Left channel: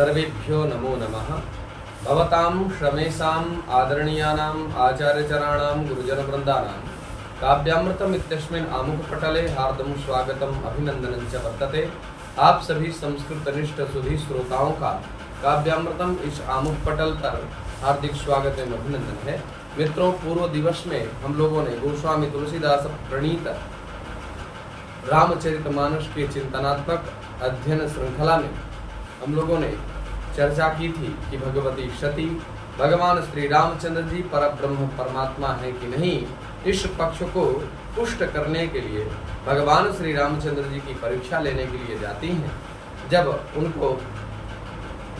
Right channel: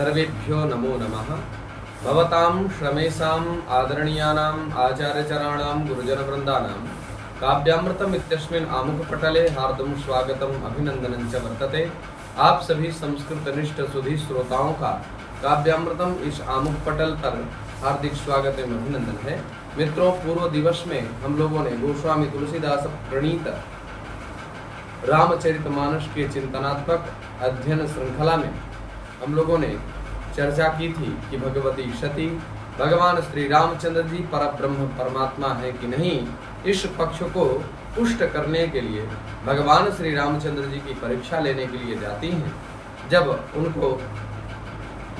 सर्वेभ्यो नमो नमः। भवतां श्रमेषाम् आदरणीयानाम् आचार्यचराणां गुरुजनवृन्दानां काव्यामृतम् इत्यस्मिन् आमुखपटले हार्दं स्वागतम् अभिनंदनं च वर्तते। आप सभी संस्कृतनिष्ठ सुधी श्रोताओं का काव्यामृतम इस आमुख पटल पर हार्दिक स्वागत एवं अभिनंदन है। मित्रों, पूर्व दिवस में हम लोगों ने गोस्वामी तुलसीदास प्रणीत रामचरितमानस के चिंतनात्मक अध्ययन श्रृंखला में हम लोगों ने चर्चा की थी कि भगवती सती भगवान श्री रामचंद्र जी परब्रह्म परमात्मा है कि नहीं। इस पक्ष को पुष्ट करने के लिए भगवान श्री रामचंद्र जी की परीक्षा लेने के लिए जाती हैं। जब उनको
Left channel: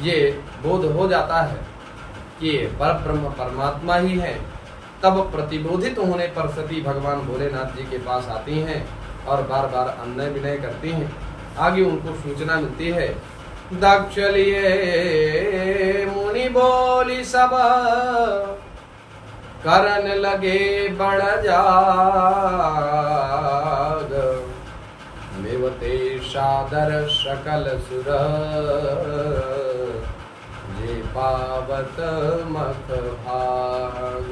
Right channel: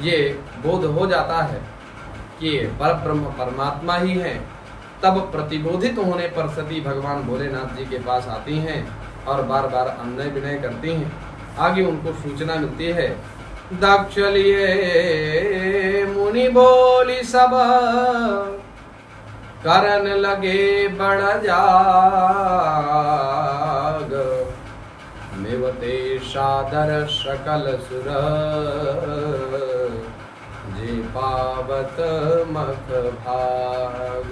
ये बोध हो जाता है कि ये परब्रह्म परमात्मा ही हैं, तब प्रतिबोधित होने पर सती भगवान भोलेनाथ जी के पास आती हैं और बार बार अन्वय विनय करती हैं। आगे उनको सूचना मिलती है, दक्ष लिए मुनि बोली सब करन लगे बड़ जाग, मेवते सादर सकल सुर जे पावत मख भाग।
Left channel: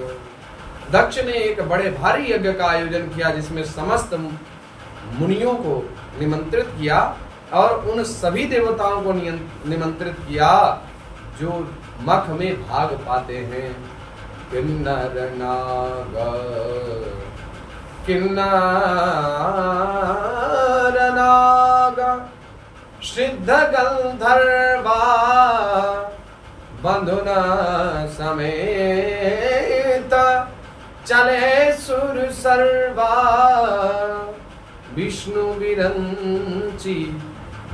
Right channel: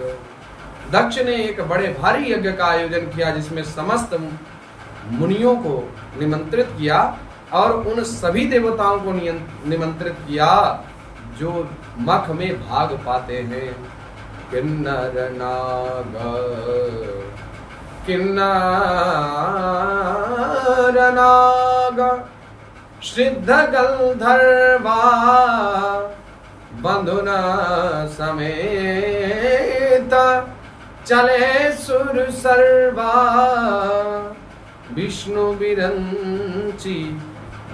दक्ष ने एक बड़े भारी यज्ञ का आयोजन किया जिसमें समस्त मुनियों को निमंत्रित किया और उन सभी देवताओं को निमंत्रित किया जो मख में भाग पाते हैं। किन्नर नाग किन्नर नाग सिद्ध गंधर्वा बंधुन समेत चले सुर सर्वा, विष्णु विरंची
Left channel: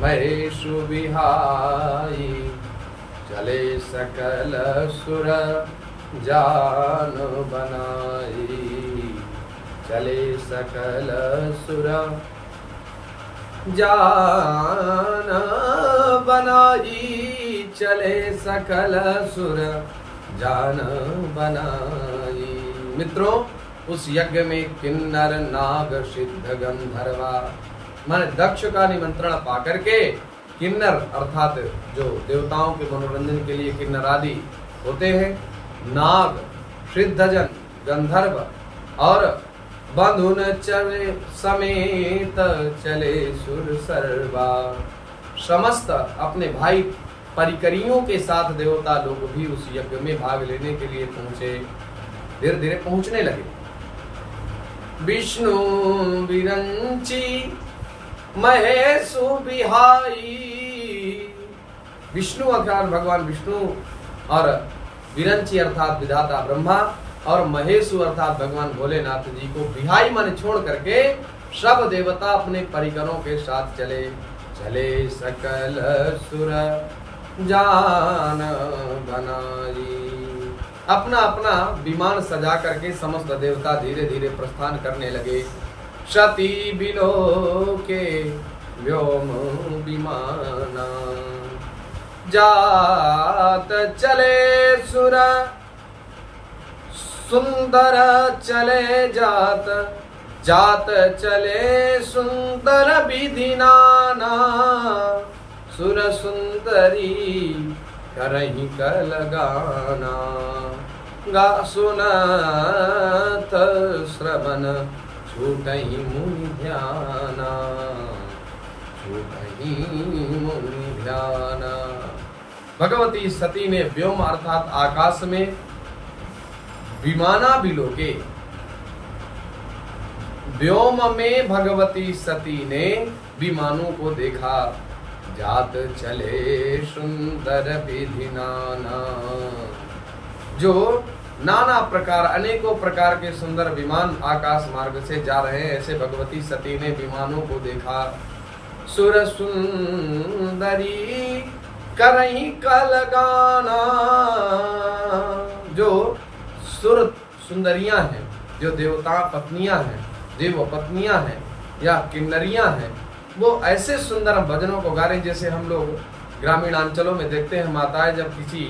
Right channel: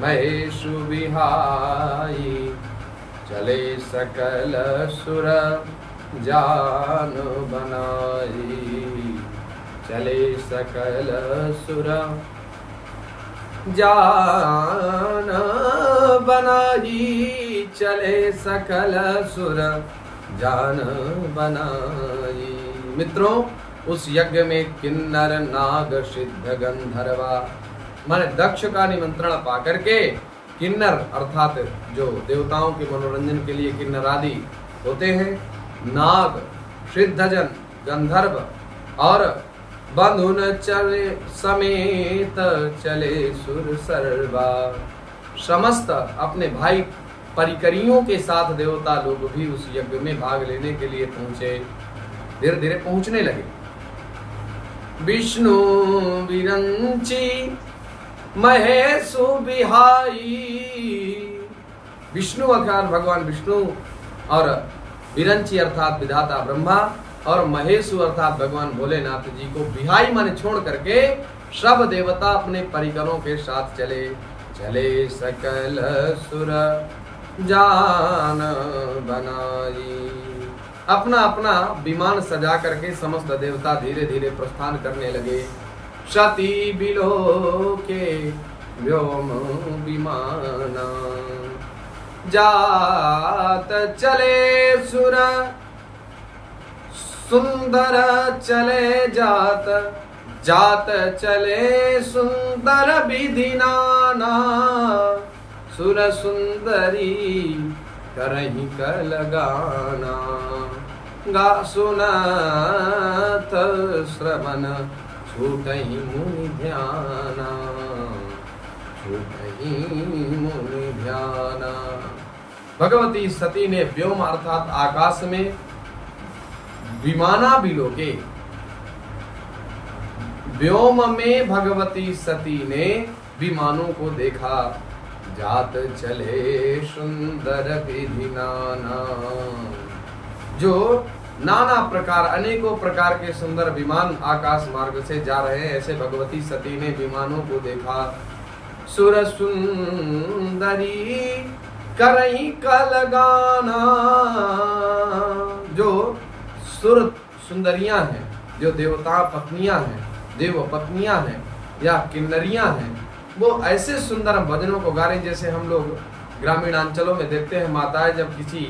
महेशु बिहाई चले सकल सुर जान बनाई, चले सकल सुर जान बनाई, चले सकल सुर जान बनाई। मित्रों, उस यज्ञ में किन्नर नाग सिद्ध गंधर्वा माने दक्ष का निमंत्रण पाकर के किन्नर अर्थात जो देवताओं के मनोरंजन के लिए किन्नर आदि होते हैं, नाग सिद्धजन गंधर्व और बंधुन चले समेत चले सुर सर्वा, समस्त अपने भाई परिकरियों के साथ देवता लोग भी उस यज्ञ में भाग लेने के लिए पहुंचे। धीरे धीरे पहुंचने लगे। विष्णु विरंची महेशु बिहाई, विष्णु अर्थात भगवान विष्णु और विरंची अर्थात विधाता ब्रह्मा और महेशु अर्थात भगवान भोलेनाथ जी को बिहाई मन छोड़ करके सब देवता अपने परिकरों के साथ चले। चले सकल सुर जान बनाई, अपना अपना विमान सजा करके समस्त देवता धीरे धीरे प्रस्थान करने लगे। सती बिलो के व्योम विमाना जात चले सुर सुंदर चले जात, जात चले सुंदर विधि नाना, सुर सुंदरी करहीं कल गाना, गा सुनत श्रवण छूटहीं मुनि ध्याना, छूटहीं मुनि ध्याना। भगवती सती ने व्योम अर्थात आकाश में विमाना बिलोके, व्योम में भगवती सती ने विमानों को देखा। जात चले सुंदर विधि नाना, जो नाना प्रकार अनेकों प्रकार के सुंदर विमान आकाश मार्ग से जा रहे हैं, ऐसे भगवती सती ने विमानों को देखा। सुर सुंदरी करहीं कल गाना, जो सुर सुंदरियां हैं, जो देवता पत्नियां हैं, देव पत्नियां हैं या किन्नरियां हैं, वो ऐसे सुंदर भजनों को गा रही जैसे हम लोग ग्रामीण अंचलों में देखते हैं। माताएं जब किसी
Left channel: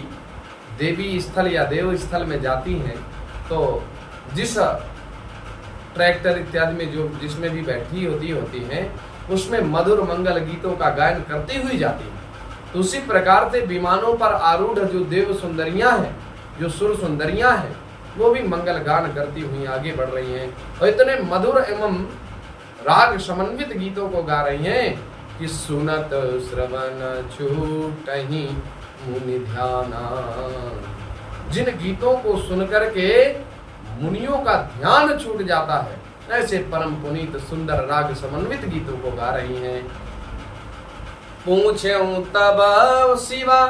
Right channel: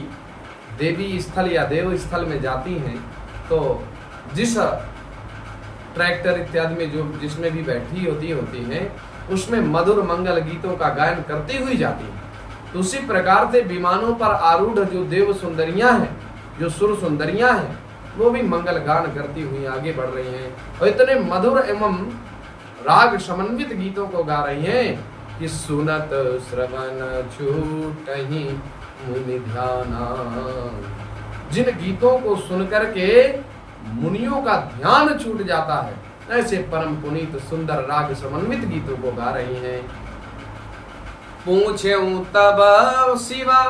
देवी स्थल या देव स्थल में जाती हैं तो जिस ट्रैक्टर इत्यादि में जो जिसमें भी बैठी होती हैं उसमें मधुर मंगल गीतों का गायन करती हुई जाती है। तो उसी प्रकार से विमानों पर आरूढ़ जो देव सुंदरियां हैं, जो सुर सुंदरियां हैं, वो भी मंगल गान करती हुई आगे बढ़ रही हैं और इतने मधुर एवं राग समन्वित गीतों को गा रही हैं कि सुनत श्रवण छूटहि मुनि ध्याना। जिन गीतों को सुनकर के मुनियों का ध्यान छूट जाता है, ऐसे परम पुनीत सुंदर राग समन्वित गीतों को गा रही हैं। पूछे तब शिवा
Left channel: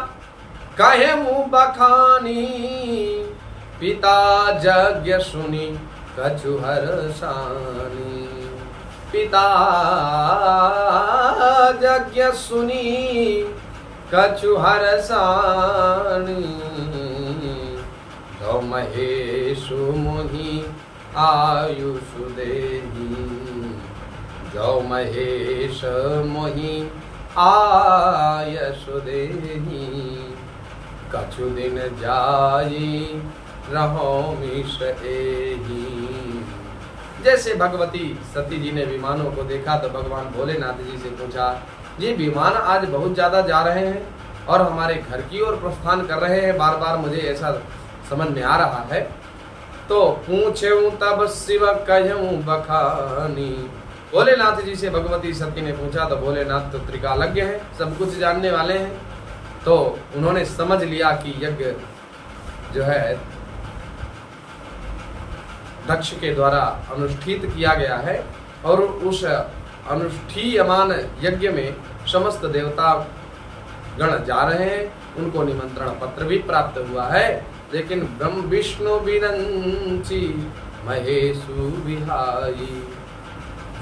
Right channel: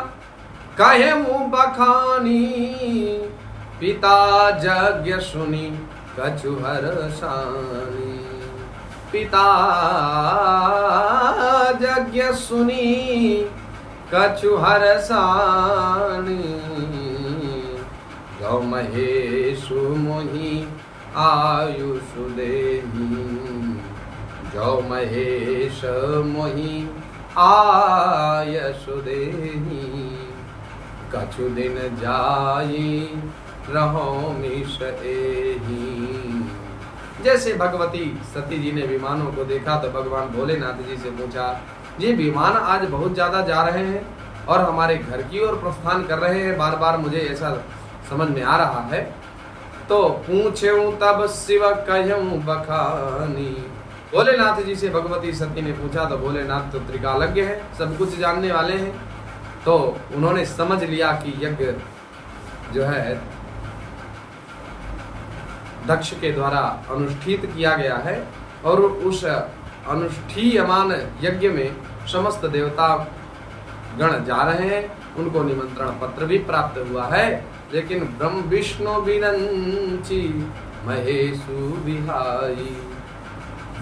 कहे बखानी, पिता यज्ञ सुनी कछु हर्षानी। पिता यज्ञ सुनी कछु हर्षानी, गौ महेशु मुहि आयुष देहि। जौ महेश मोहि आयुष देहि, कछु दिन जाई रहो मिश एहि। जैसे भगवती सती जी ने विमानों को देखा तो भगवान भोलेनाथ जी से पूछा, जी विमान आज बहुत ज्यादा जा रहे हैं और हमारे घर की ओर प्रस्थान कर रहे हैं, बार बार मुझे ऐसा समझ में आ रहा है। तो पूछूं तब शिव कहूं बखानी। भोलेनाथ जी से भगवती सती ने पूछा तो भोलेनाथ तो त्रिकालज्ञ हैं, सब कुछ जानने वाले हैं। तो उन्होंने समझ लिया कि यज्ञ जो है दक्ष के द्वारा अनुष्ठित किया गया है और उस अनुष्ठीयमान यज्ञ में समस्त देवता गण जा रहे हैं, उनको निमंत्रण पत्र भी प्राप्त हुआ है। लेकिन ब्रह्म विष्णु विनंची महेशु विहाई,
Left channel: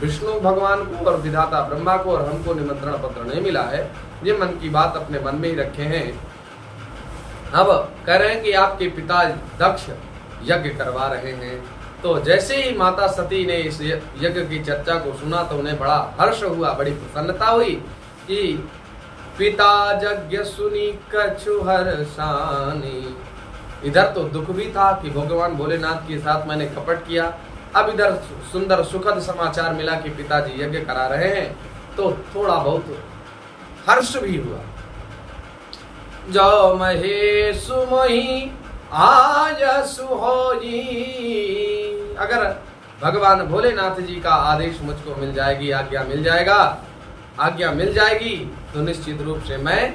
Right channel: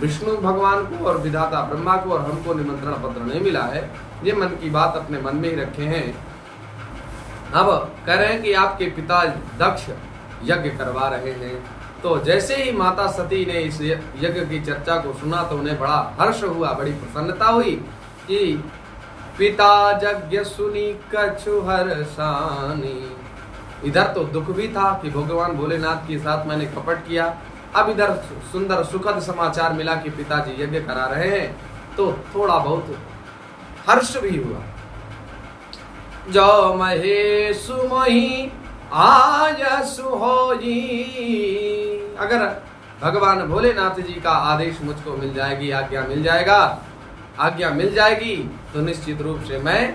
विष्णु भगवान को और विधाता ब्रह्मा को और हमको निमंत्रण पत्र नहीं मिला है। ये मन की बात अपने मन में ही रखे हैं। अब कह रहे हैं कि आपके पिता दक्ष यज्ञ करवा रहे हैं। तो जैसे ही माता सती ने इस यज्ञ की चर्चा को सुना तो उन्हें बड़ा हर्ष हुआ, बड़ी प्रसन्नता हुई कि पिता यज्ञ सुनी कछु हर्षानी। इधर तो दुख भी था कि भगवान भोलेनाथ के साथ मैंने कपट किया, अब इधर सुंदर सुखद समाचार मिला कि पिताजी यज्ञ करा रहे हैं, तो थोड़ा बहुत हर्ष भी हुआ। जो महेशु मोहि आयसु होई, अगर भगवान भोलेनाथ जी का आदेश मुझको मिल जाएगी, आज्ञा मिल जाएगी तो निश्चित रूप से मैं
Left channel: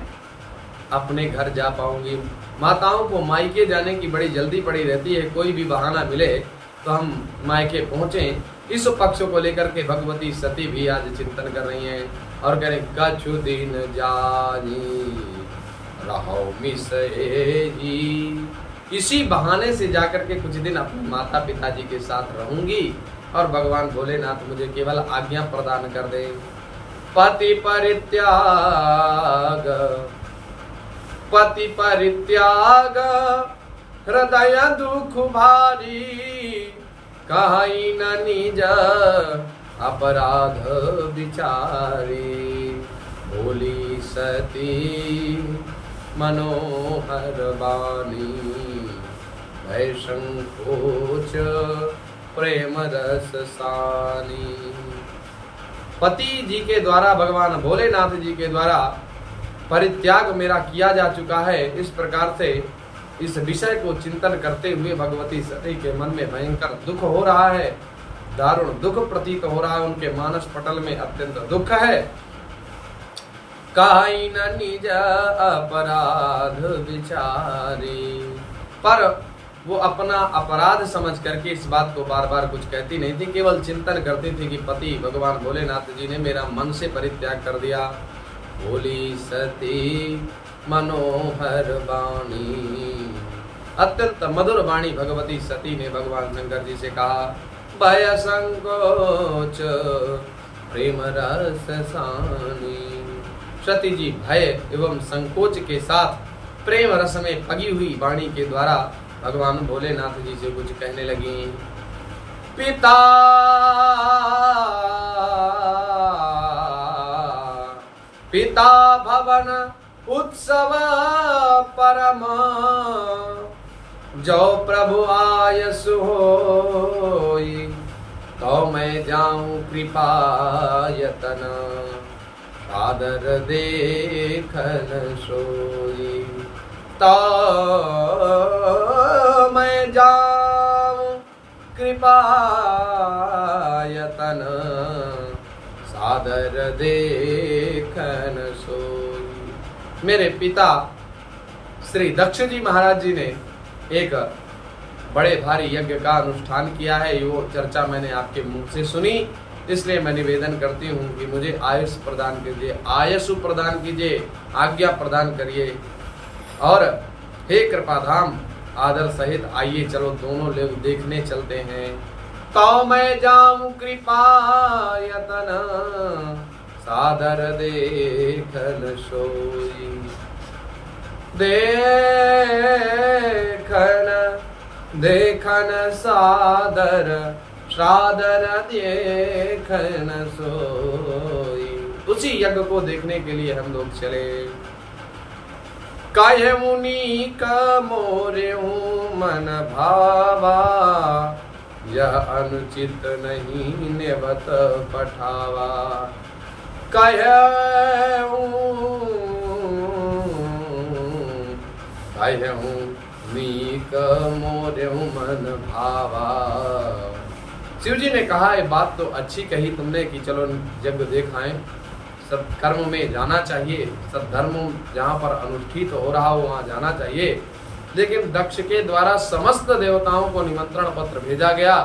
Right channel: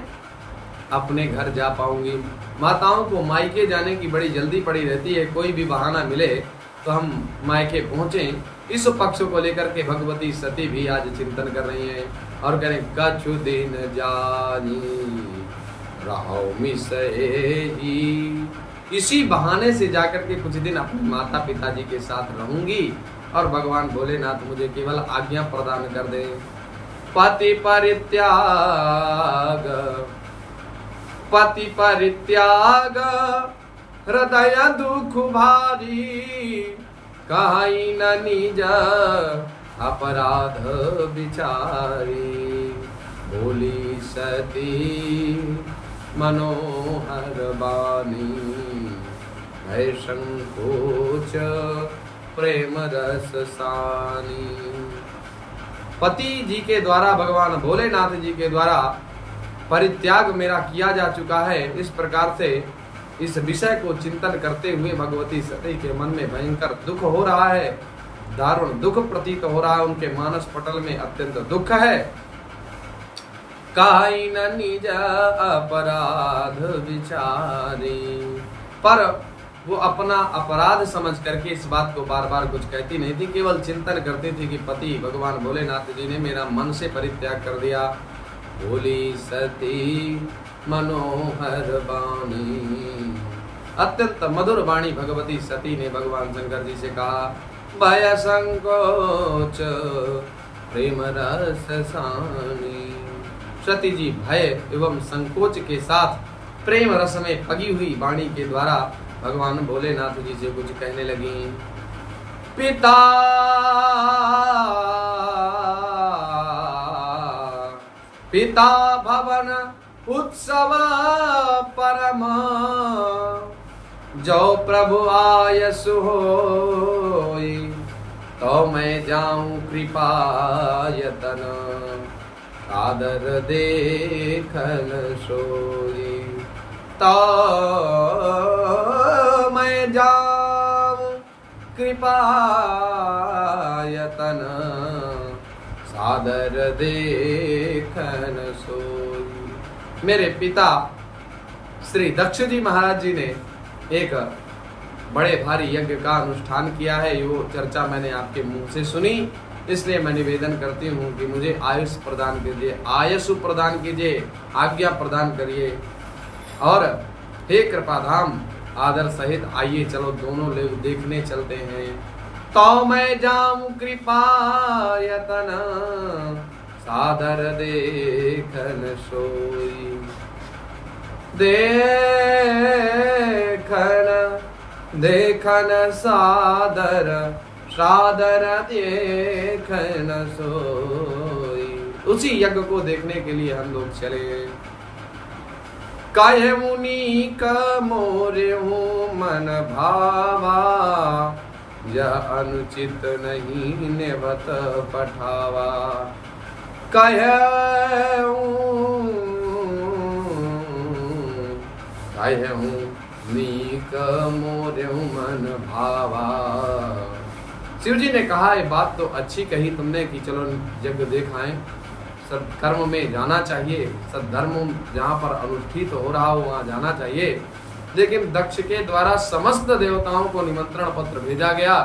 अपने घर जा पाऊंगी। माताओं को मायके जाने की बड़ी जल्दी पड़ी रहती है, कोई भी बहाना मिले तो हम मायके पहुंचें। इस पक्ष को लेकर के भगवती सती भी आज चिंतन कर रही हैं और कह रहे कछु दिन जानी रहो मिसएही। इसी बहाने से जाकर के कुछ दिन अपने माता पिताजी के साथ रहूंगी और भगवान भोलेनाथ मुझे केवल आज्ञा प्रदान कर दे। पति परित्याग हृदय दुख भारी, कहीं न निज अपराध विचारी। बोली सती मनोहर बानी, भय संकोच प्रेम रस सानी। पति जी के द्वारा, भगवान भोलेनाथ जी के द्वारा परित्याग मेरा किया जा चुका है। इस प्रकार से इस विषय को चिंतन करते हुए भगवती सती के मन में भयंकर दुख हो रहा है, दारुण दुख प्रतीत हो रहा है, उनके मानस पटल में अत्यंत दुख है। काई न निज अपराध विचारी, पर वो अपना अपराध समझ करके इस बात को बार बार कुछ कहती नहीं थी, केवल चिंतन करती थी कि पति भगवान भोलेनाथ जी ने मेरा मन से परित्याग कर दिया। बोली सती मनोहर वाणी, अत्यंत मधुर वाणी भगवती सती ने भगवान शंकर जी से कहा। भय संकोच प्रेम रस सानी, सती जी भय एवं संकोच के साथ प्रेम रस में पगी हुई वाणी के द्वारा भगवान भोलेनाथ जी से कुछ कहने लगी। पिता भवन उत्सव परम, जो प्रभु आयसु होई, तो मैं जाऊं कृपा यतन। सादर देखन सोई। तो मैं जाऊं कृपायतन, सादर देखन सोई। मेरे पिता श्री दक्ष जी महाराज जी ने एक बड़े भारी यज्ञ का अनुष्ठान किया है। यो चर्चा मैंने आपके मुंह से सुनी, इसलिए मैं निवेदन करती हूँ कि मुझे आयुष प्रदान कीजिए, आयुष प्रदान कीजिए, आज्ञा प्रदान करिए। और हे कृपाधाम, आदर सहित आइए, चलो दोनों लोग देखने चलते हैं। तो मैं जाऊं कृपायतन, सादर देखन सोई। देखन सादर, सादर देखन सोई। उसी यज्ञ को देखने के लिए हम लोग चले। काहे मुनि का मोरे मन भावा, यह अनुचित नहीं नेवत पठावा। काहे नीक मोरे मन भावा। शिव जी ने कहा, ये बात तो अच्छी कही तुमने कि चलो यज्ञ देखाएं, सत्कर्म में जाना चाहिए, सद्धर्म जहाँ पर अनुष्ठित हो रहा हो वहाँ जाना चाहिए। लेकिन दक्ष के द्वारा समस्त देवताओं को निमंत्रण पत्र भेजा गया,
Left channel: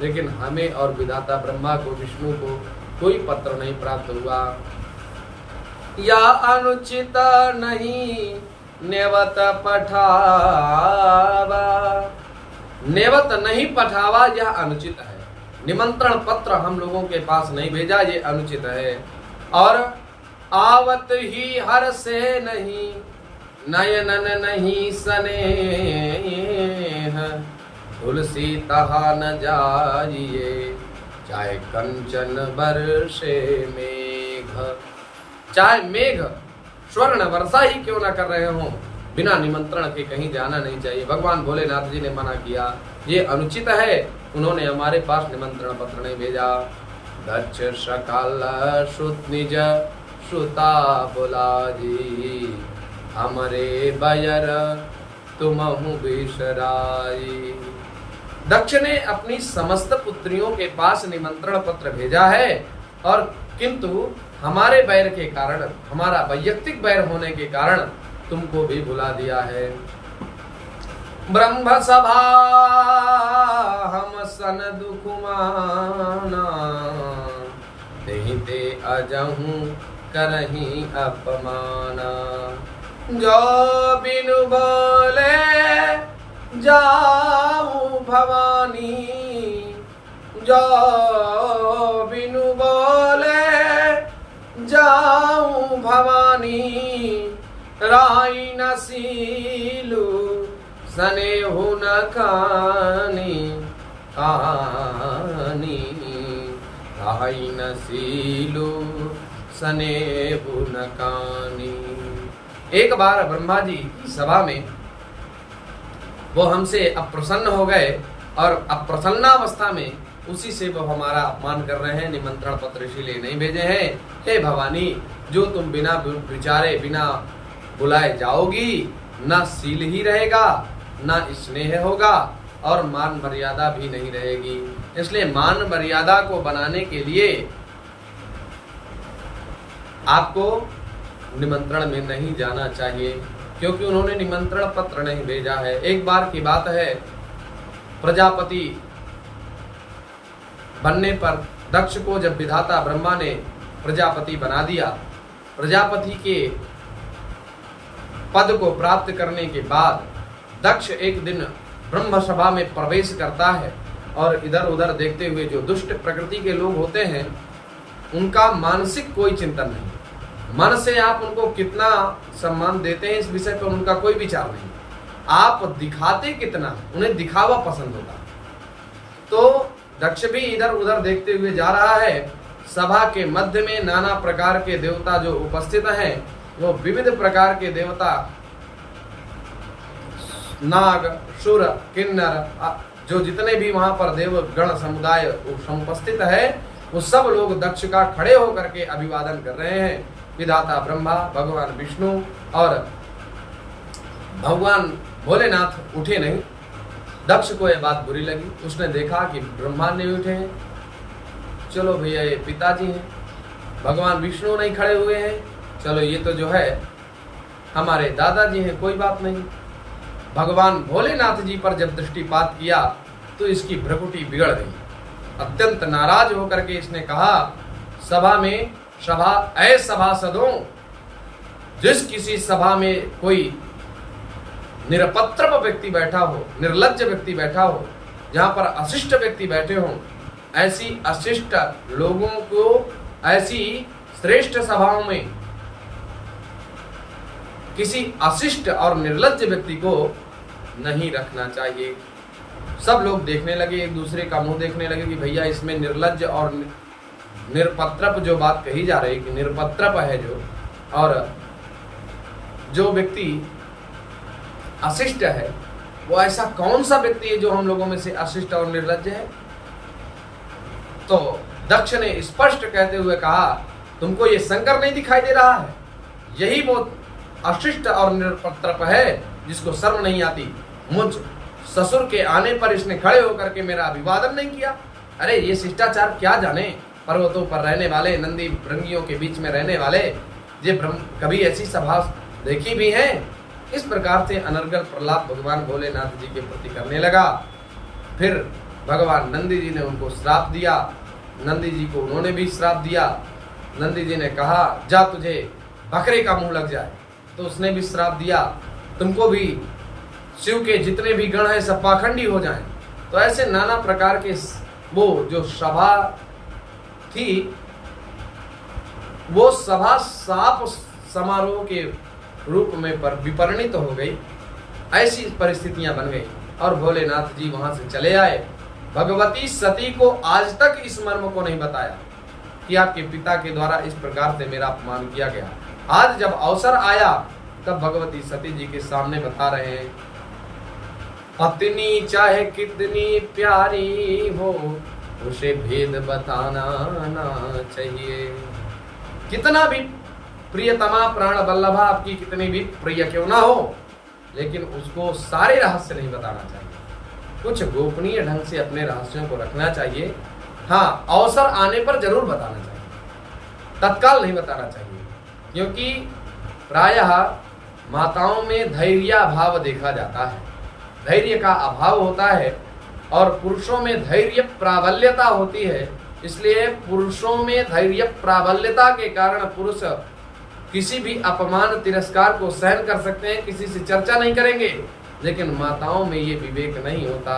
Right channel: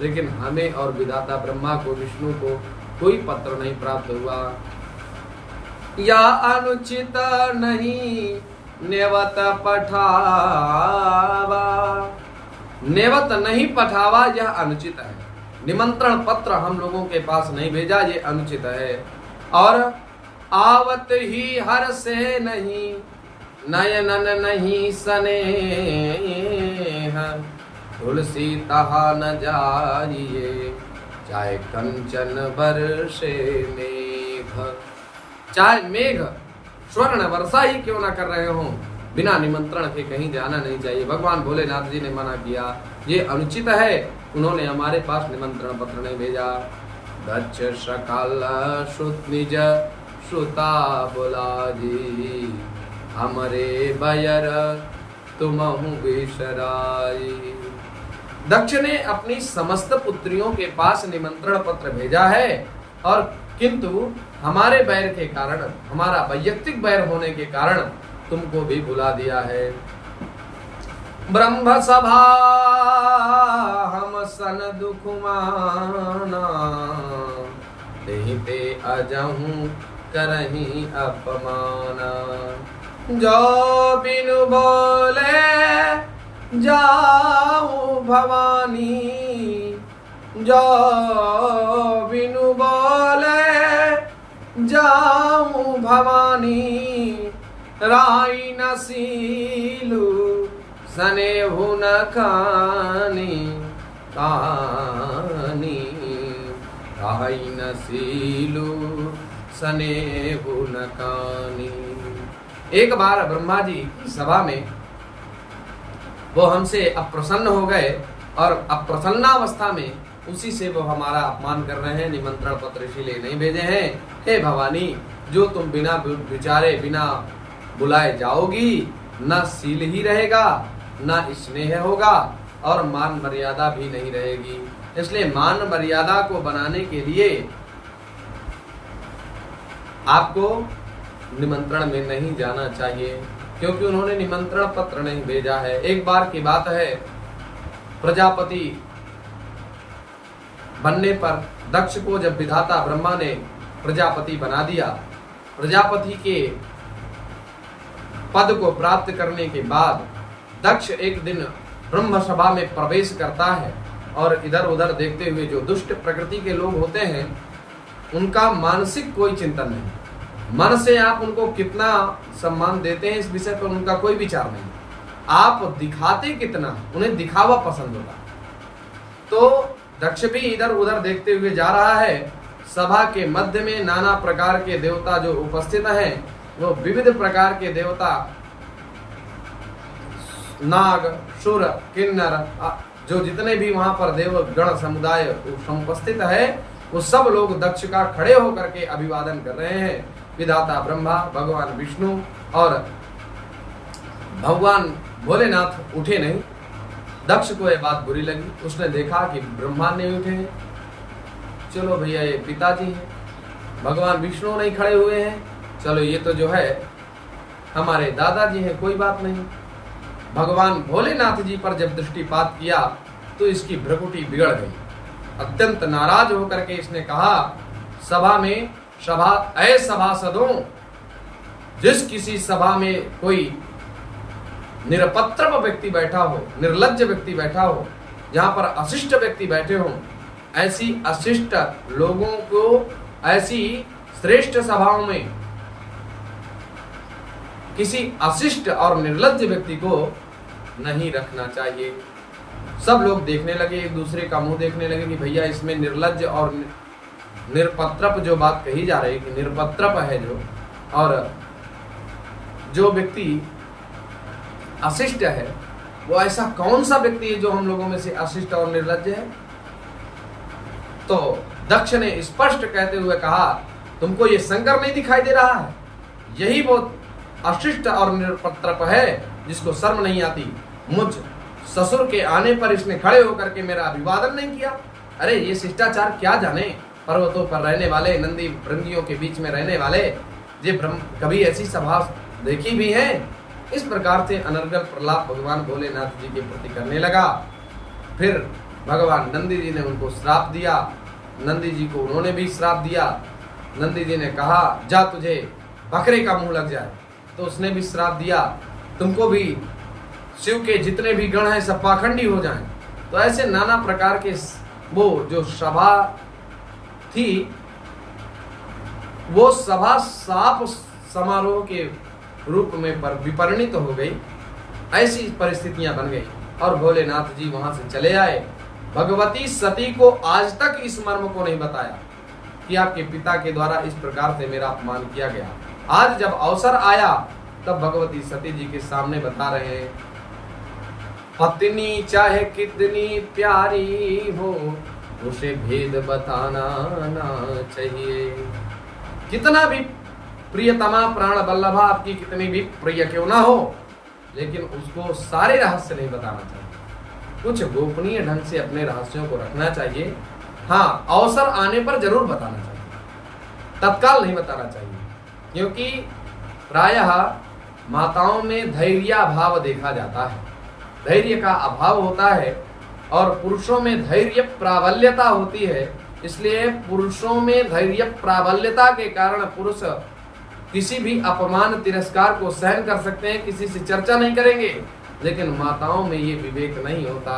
लेकिन हमें और विधाता ब्रह्मा को, विष्णु को कोई पत्र नहीं प्राप्त हुआ। या अनुचित नहीं नेवत पठावा, नेवत नहीं पठावा यह अनुचित है। निमंत्रण पत्र हम लोगों के पास नहीं भेजा, ये अनुचित है। और आवत ही हर से नहीं, नयनन नहीं स्नेह। तुलसी तहा न जाइए, चाहे कंचन बरसे मेघ। चाहे मेघ स्वर्ण वर्षा ही क्यों ना कर रहे हो, बिना निमंत्रण के कहीं जाना नहीं चाहिए। भगवान भोलेनाथ जी ने मना किया, ये अनुचित है। उन्होंने हमारे पास निमंत्रण पत्र नहीं भेजा। दक्ष सकाल श्रुत निज श्रुता बुलाजी, हमरे बयर तुमहु बिसराई। दक्ष ने अपनी समस्त पुत्रियों के पास निमंत्रण पत्र भेजा है, और किंतु हमारे बैर के कारण, हमारा वैयक्तिक बैर होने के कारण तुमको भी भुला दिया है। ब्रह्म सभा हम सन दुख माना, तेहि ते अजहूं करहीं अपमाना। जो बिनु बोले जाऊं भवानी, जो बिनु बोले जाऊं भवानी। राई न सीलू स्नेहु न कानी, कानी। राई न सीलू स्नेहु न कानी। एक बार ब्रह्मा जी की सभा में वो हमसे अप्रसन्न हो गए, और अप्रसन्नावस्था में उसी से वो हमारा अपमान कर रहे हैं। निमंत्रण पत्र इसीलिए नहीं भेजे हैं। हे भवानी, जो तुम बिना विचारे, बिना बुलाए जाओगी, न सील ही रहेगा, न स्नेह होगा, और मान मर्यादा भी नहीं रहेगी। इसलिए मान मर्यादा को बनाने के लिए आपको निमंत्रण में नहीं जाना चाहिए, क्योंकि उन्होंने निमंत्रण पत्र नहीं भेजा है। एक बार की बात है, प्रजापति बनने पर दक्ष को जब विधाता ब्रह्मा ने प्रजापति बना दिया, प्रजापति के पद को प्राप्त करने के बाद दक्ष एक दिन ब्रह्म सभा में प्रवेश करता है, और इधर उधर देखते हुए जो दुष्ट प्रकृति के लोग होते हैं उनका मानसिक कोई चिंतन नहीं। मन से आप उनको कितना सम्मान देते हैं इस विषय पर उनका कोई विचार नहीं। आप दिखाते कितना, उन्हें दिखावा पसंद होता। तो दक्ष भी इधर उधर देखते हुए जा रहा है। सभा के मध्य में नाना प्रकार के देवता जो उपस्थित हैं, वो विविध प्रकार के देवता, नाग, सुर, किन्नर, जो जितने भी वहां पर देव गण समुदाय उपस्थित है, वो सब लोग दक्ष का खड़े होकर के अभिवादन कर रहे हैं। विधाता ब्रह्मा, भगवान विष्णु और भगवान भोलेनाथ उठे नहीं। दक्ष को यह बात बुरी लगी। उसने देखा कि ब्रह्मा नहीं उठे हैं, चलो भैया ये पिताजी हैं, भगवान विष्णु नहीं खड़े हुए हैं, चलो ये तो जो है हमारे दादाजी हैं, कोई बात नहीं। भगवान भोलेनाथ जी पर जब दृष्टिपात किया तो इसकी भ्रकुटी बिगड़ गई। अत्यंत नाराज होकर के इसने कहा, सभा में सभासदों, जिस किसी सभा में कोई निरपत्र व्यक्ति बैठा हो, निर्लज्ज व्यक्ति बैठा हो, जहां पर अशिष्ट व्यक्ति बैठे हों, ऐसी अशिष्ट लोगों को ऐसी श्रेष्ठ सभाओं में किसी अशिष्ट और निर्लज्ज व्यक्ति को नहीं रखना चाहिए। सब लोग देखने लगे, एक दूसरे का मुंह देखने लगे कि भैया इसमें निर्लज्ज और निरपत्रप जो बात कही जा रही कि निरपत्रप है जो, और जो व्यक्ति अशिष्ट है वो ऐसा कौन सा व्यक्ति है जो हम लोगों में से अशिष्ट और निर्लज्ज है। तो दक्ष ने स्पष्ट कहते हुए कहा, तुमको ये शंकर नहीं दिखाई दे रहा है? यही वो अशिष्ट और निरपत्रप है जिसको शर्म नहीं आती। मुझ ससुर के आने पर इसने खड़े होकर के मेरा अभिवादन नहीं किया। अरे ये शिष्टाचार क्या जाने, पर्वतों पर रहने वाले, नंदी भृंगियों के बीच में रहने वाले, ये कभी ऐसी सभा देखी भी है? इस प्रकार से अनर्गल प्रलाप भगवान भोलेनाथ जी के प्रति करने लगा। फिर भगवान नंदी जी ने उनको श्राप दिया। नंदी जी को उन्होंने भी श्राप दिया। नंदी जी ने कहा, जा तुझे बकरे का मुंह लग जाए। तो उसने भी श्राप दिया, तुमको भी शिव के जितने भी गण हैं सब पाखंडी हो जाएं। तो ऐसे नाना प्रकार के वो जो सभा थी, वो सभा साप समारोह के रूप में विपरिणित हो गई। ऐसी परिस्थितियां बन गई और भोलेनाथ जी वहां से चले आए। भगवती सती को आज तक इस मर्म को नहीं बताया कि आपके पिता के द्वारा इस प्रकार से मेरा अपमान किया गया। आज जब अवसर आया तब भगवती सती जी के सामने बता रहे हैं, पत्नी चाहे कितनी प्यारी हो, उसे भेद बताना ना चाहिए। कितना भी प्रियतमा प्राण बल्लभा आपकी कितनी भी प्रिय क्यों ना हो, लेकिन उसको सारे रहस्य नहीं बताना चाहिए। कुछ गोपनीय ढंग से अपने रहस्यों को रखना चाहिए। हाँ, अवसर आने पर जरूर बताना चाहिए, तत्काल नहीं बताना चाहिए, क्योंकि प्रायः माताओं में धैर्याभाव देखा जाता है, धैर्य का अभाव होता है, और पुरुषों में धैर्य प्राबल्यता होती है। इसलिए पुरुषों में धैर्य प्राबल्यता के कारण पुरुष किसी भी अपमान तिरस्कार को सहन कर सकते हैं, किसी से चर्चा नहीं करेंगे। लेकिन माताओं में ये विवेक नहीं होता।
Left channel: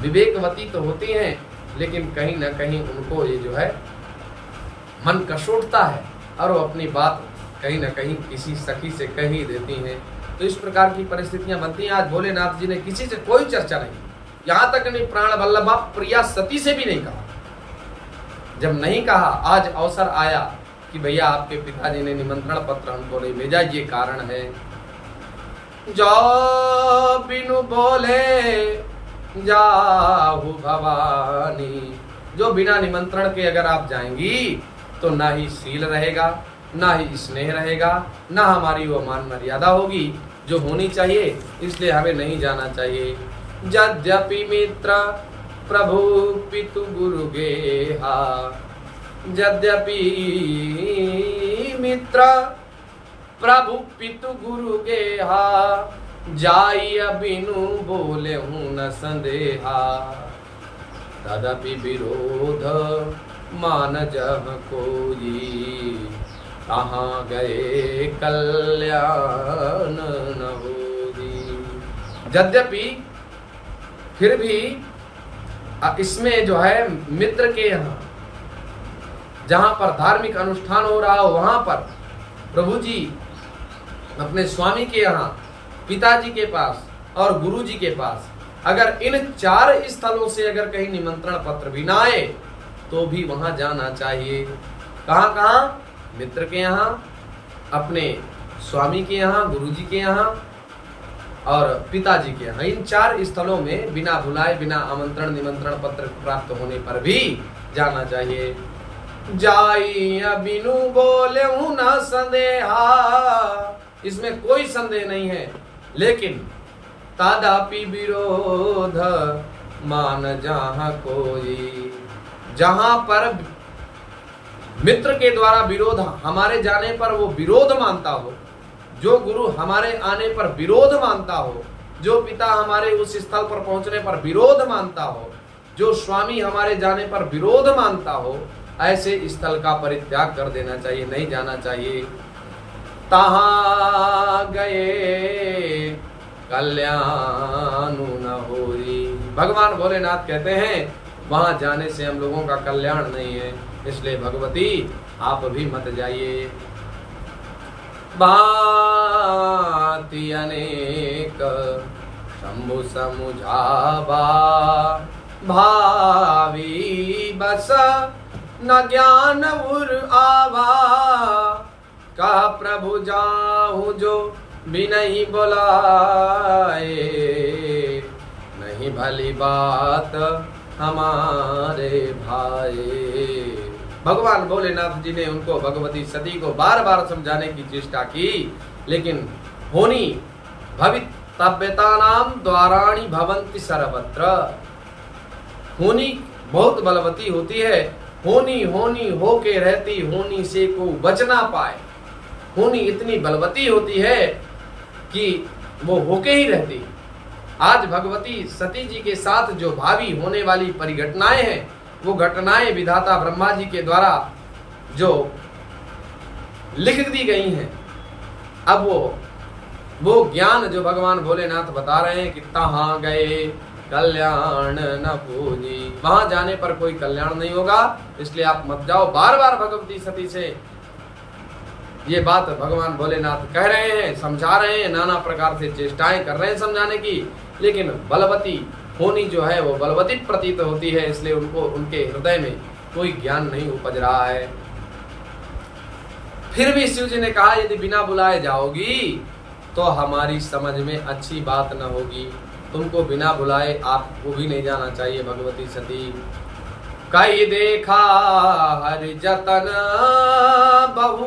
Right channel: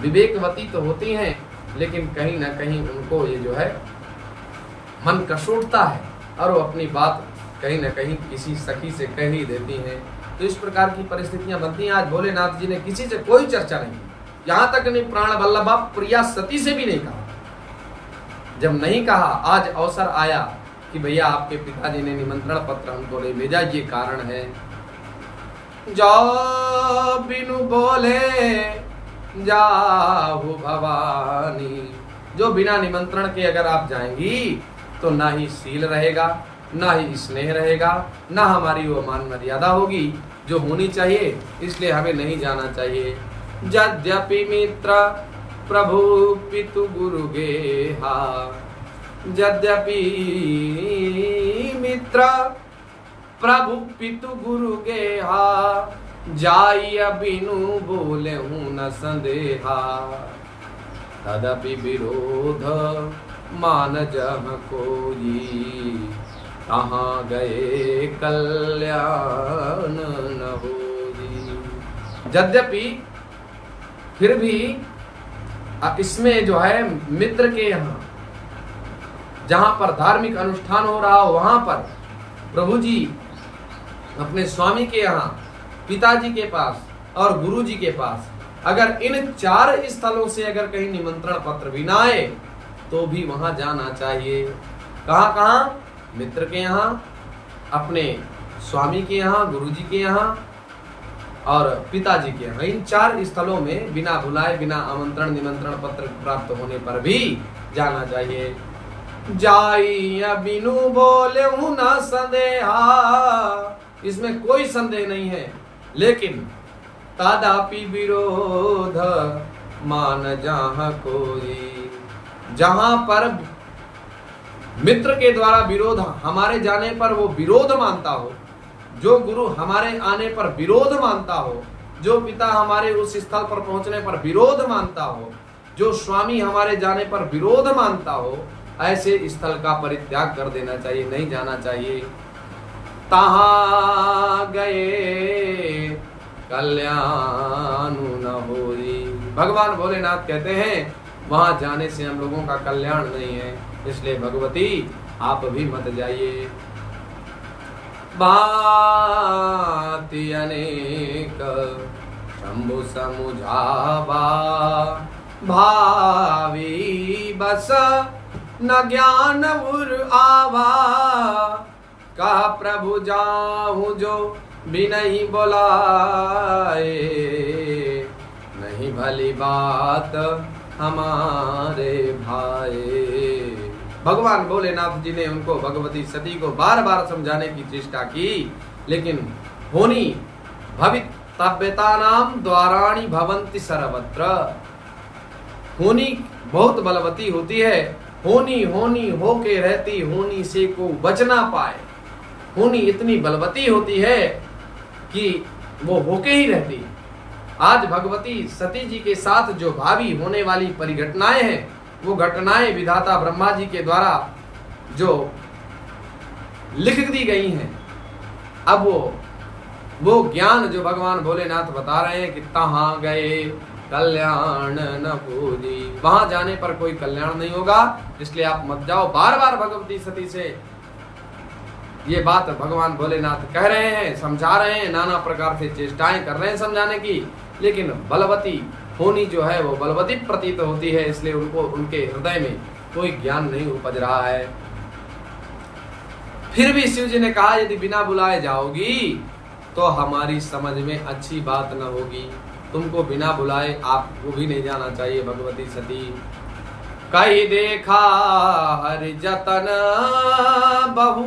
विवेकवती तो होती हैं, लेकिन कहीं ना कहीं उनको ये जो है मन कसूटता है और वो अपनी बात कहीं ना कहीं किसी सखी से कह ही देती हैं। तो इस प्रकार की परिस्थितियां बनती हैं। आज भोलेनाथ जी ने किसी से कोई चर्चा नहीं की, यहाँ तक नहीं प्राण वल्लभा प्रिया सती से भी नहीं कहा। जब नहीं कहा, आज अवसर आया कि भैया आपके पिताजी ने निमंत्रण पत्र हमको नहीं भेजा, ये कारण है। जाओ बिनु बोले जाहु भवानी, जो बिना निमंत्रण के अगर आप जाएंगी तो ना ही शील रहेगा, ना ही स्नेह रहेगा, ना हमारी वो मान मर्यादा होगी जो होनी चाहिए। इसलिए हमें नहीं जाना चाहिए। यद्यपि मित्र प्रभु पितु गुरु गेहा, यद्यपि मित्र प्रभु पितु गुरु गेहा, जाइय बिनु बोले हूँ न संदेहा। तदपि विरोध मान जह कोई, कहाँ गए कल्याण न होई। यद्यपि फिर भी इसमें जो है मित्र के यहाँ जहाँ पर धार्मिक अनुष्ठान हो रहा हो, वहाँ पर प्रभु जी अपने स्वामी के यहाँ, पिताजी के पास और गुरु जी के पास, अगर इन 4 स्थलों से अगर कहीं निमंत्रण पत्र भी ना आए तो भी वहाँ जाना चाहिए। कहाँ कहाँ? मित्र के यहाँ, अपने स्वामी के यहाँ, गुरु जी के यहाँ और पिताजी के यहाँ। इन 4 स्थलों में बिना बुलाए, बिना आमंत्रण निमंत्रण पत्र प्राप्त होने पर भी जाना चाहिए। जाई बिनु बोले न संदेहा, इसमें कोई संदेह नहीं है। लेकिन तादापि विरोध मान जहाँ कोई, जहां पर मित्र के द्वारा विरोध हमारे जाने पर वो विरोध मानता हो, जो गुरु हमारे आने पर विरोध मानता हो, जो पिता हमारे उस स्थल पर पहुंचने पर विरोध मानता हो, जो स्वामी हमारे जाने पर विरोध मानता हो, ऐसे स्थल का परित्याग कर देना चाहिए, नहीं जाना चाहिए। तहां गए कल्याण न होई, भगवान भोलेनाथ कहते हैं वहां जाने से हम लोगों का कल्याण नहीं है, इसलिए भगवती आप भी मत जाइए। भांति अनेक शंभु समुझावा, भावी बस न ज्ञान उर आवा, कहा प्रभु जाहूं जो भी नहीं बोलाए, नहीं भली बात हमारे भाई। भगवान भोलेनाथ जी ने उनको, भगवती सती को बार बार समझाने की चेष्टा की, लेकिन होनी भवितव्यता नाम द्वाराणी भवंति सर्वत्र, होनी बहुत बलवती होती है, होनी होनी होके रहती, होनी से को बच ना पाए। होनी इतनी बलवती होती है कि वो होके ही रहती। आज भगवती सती जी के साथ जो भावी होने वाली परिघटनाएं हैं, वो घटनाएं विधाता ब्रह्मा जी के द्वारा जो लिख दी गई हैं, अब वो ज्ञान जो भगवान भोलेनाथ बता रहे हैं कि तहां गए कल्याण न पूजी, वहां जाने पर कोई कल्याण नहीं होगा, इसलिए आप मत जाओ। बार बार भगवती सती से ये बात भगवान भोलेनाथ कह रहे हैं, समझा रहे हैं, नाना प्रकार से चेष्टाएं कर रहे हैं समझाने की, लेकिन बलवती होनी जो है वो बलवती प्रतीत होती है, इसलिए उनको उनके हृदय में कोई ज्ञान नहीं उपज रहा है। फिर भी शिव जी ने कहा यदि बिना बुलाए जाओगी तो हमारी समझ में अच्छी बात न होगी, तुमको बिना बुलाए आपको भी नहीं जाना चाहिए। भगवती सती कही देखा हरि जतन बहु,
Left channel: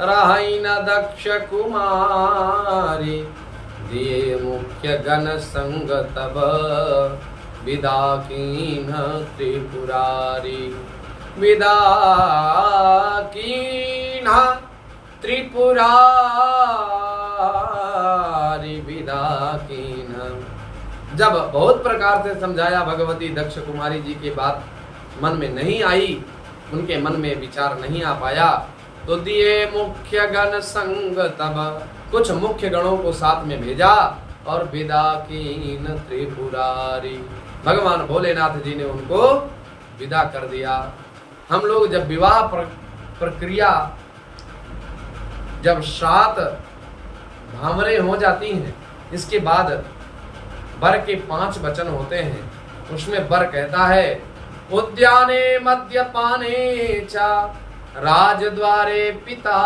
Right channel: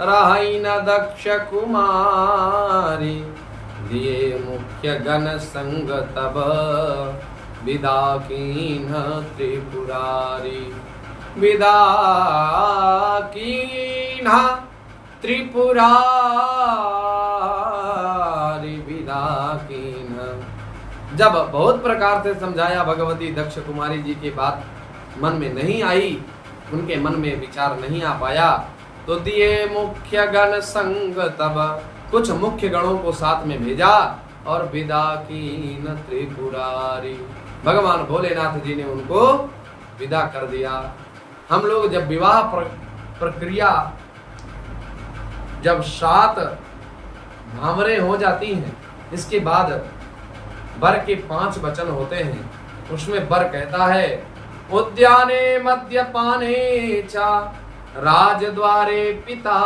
रही न दक्ष कुमारी, दिए मुख्य गण संग तब, विदा कीन त्रिपुरारी, विदा कीन त्रिपुरारी, विदा कीन। जब बहुत प्रकार से समझाया, भगवती दक्ष कुमारी जी की बात मन में नहीं आई, उनके मन में विचार नहीं आ पाया, तो दिए मुख्य गण संग तब, कुछ मुख्य गणों को साथ में भेजा और विदा कीन त्रिपुरारी, भगवान भोलेनाथ जी ने उनको विदा कर दिया। हम लोग जब विवाह प्रक्रिया, जब 7 भामरे हो जाती हैं, इसके बाद वर के 5 वचन होते हैं, उसमें वर कहता है उद्याने मद्यपाने चा, राजद्वारे पिता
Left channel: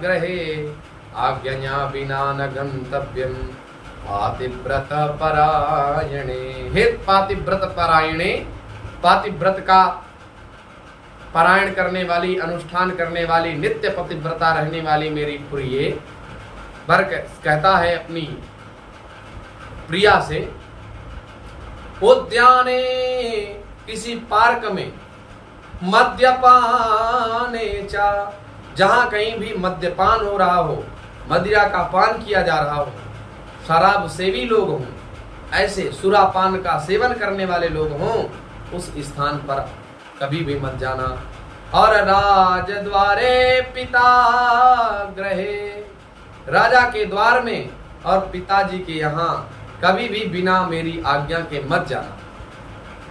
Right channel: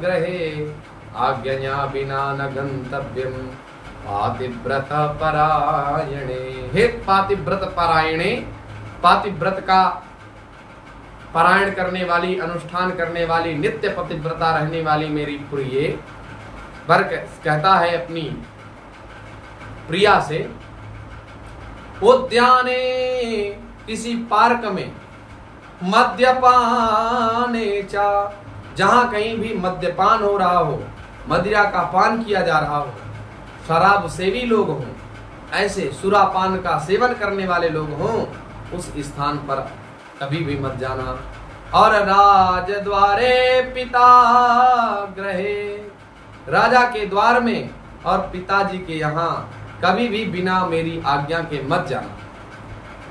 ग्रहे, आज्ञा बिना न गंतव्यम, पातिव्रत परायणे। हे पातिव्रत परायणे, पातिव्रत का पारायण करने वाली, अनुष्ठान करने वाली, नित्य पतिव्रता रहने वाली मेरी प्रिय। वर कहता है अपनी प्रिया से, उद्याने किसी पार्क में, मद्यपाने चा, जहां कहीं भी मद्यपान हो रहा हो, मदिरा का पान किया जा रहा हो, शराब सेवी लोग हों, ऐसे सुरापान का सेवन करने वाले लोग हों, उस स्थान पर कभी भी मत जाना। और राज द्वारे पिता ग्रहे, राजा के द्वार में और पिताजी के यहाँ कभी भी बिना मेरी आज्ञा के मत जाना।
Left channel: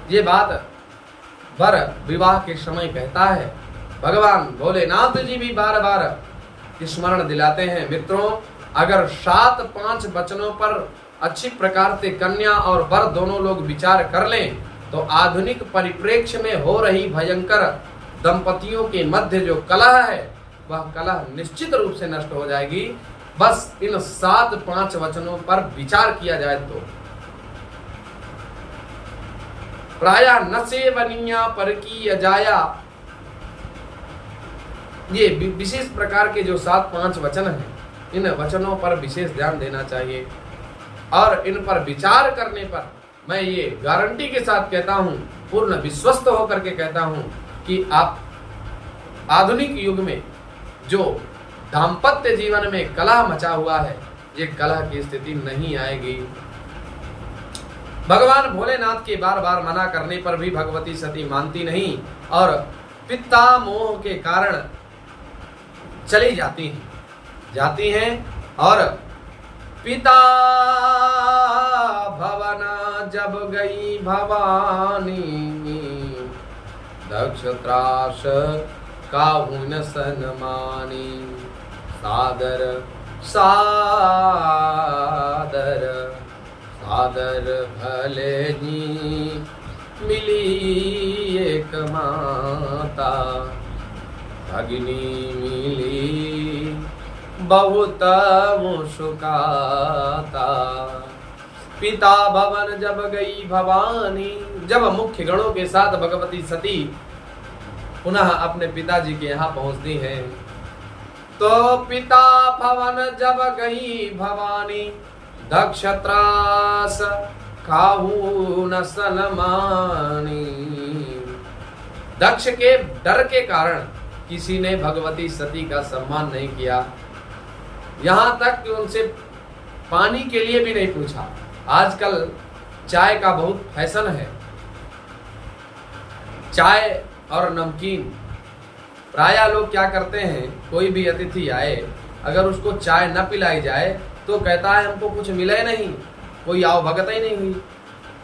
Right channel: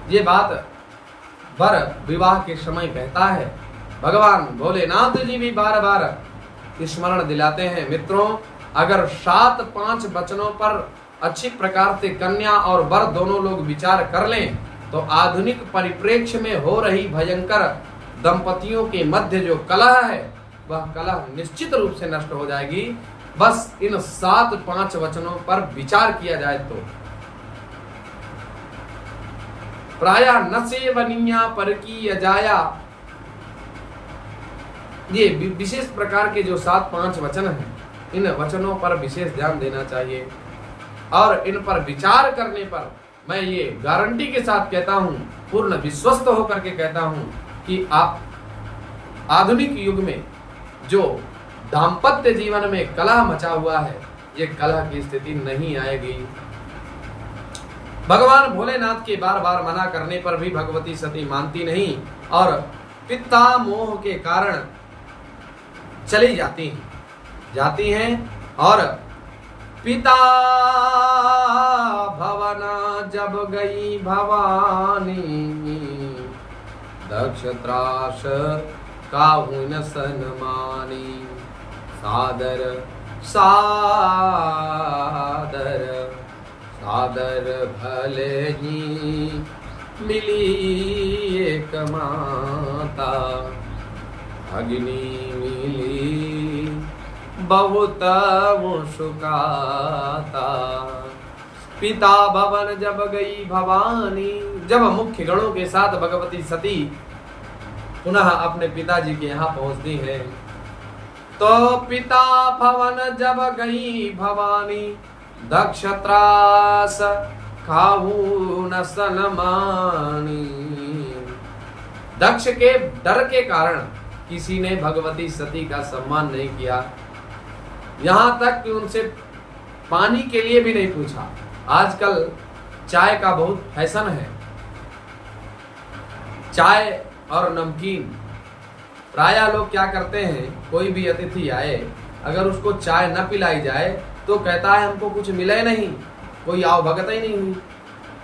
ये बात वर विवाह के समय कहता है। भगवान भोलेनाथ जी भी बार बार स्मरण दिलाते हैं, मित्रों, अगर 7-5 वचनों पर अच्छी प्रकार से कन्या और वर दोनों लोग विचार कर लें तो आधुनिक परिप्रेक्ष्य में हो रही भयंकर दंपतियों के मध्य जो कलह है, वह कलह निश्चित रूप से नष्ट हो जाएगी। बस इन 7-5 वचनों पर विचार किया जाए तो। प्रायः न सेवनिया पर की अजाया, ये विशेष प्रकार के जो 7-5 वचन हैं, इन वचनों पर विशेष ध्यान देना चाहिए और इन पर विचार करने पर मैं ये गारंटी के साथ कहता हूं, पूर्ण विश्वस्त होकर के कहता हूं कि आप आधुनिक युग में जो दाम्पत्य जीवन में कलह मचा हुआ है, ये कलह की स्थिति नहीं आएगी। भगवान भोलेनाथ के बार बार मना करने पर भी भगवती सती मानती नहीं और पिता मोह के कारण चली जाती हैं और पिता भवना जब गई भवानी, दक्ष त्रास काहू न सनमानी, सादर सादर सादर भले ही मिली एक माता, अग्नि मिली बहुत मुस्काता। पिता भवन जब गई भवानी, जब मुख्य गणों के साथ भगवती सती पुनः अपने पिताजी के यहाँ पहुंचती हैं, तो पिता भवन जब गई भवानी, दक्ष त्रास खाहू न सनमानी। दक्ष के डर के कारण किसी ने भगवती सती का सम्मान नहीं किया, यहां तक कि उनसे पानी के लिए भी नहीं पूछा। आजकल चाय का बहुत फैशन है, चाय और नमकीन। प्रायः लोग क्या करते हैं, कोई भी अतिथि आए अगर उसको चाय न पिलाई जाए तो कहता है हमको कुछ मिला ही नहीं, कोई आवभगत ही नहीं हुई,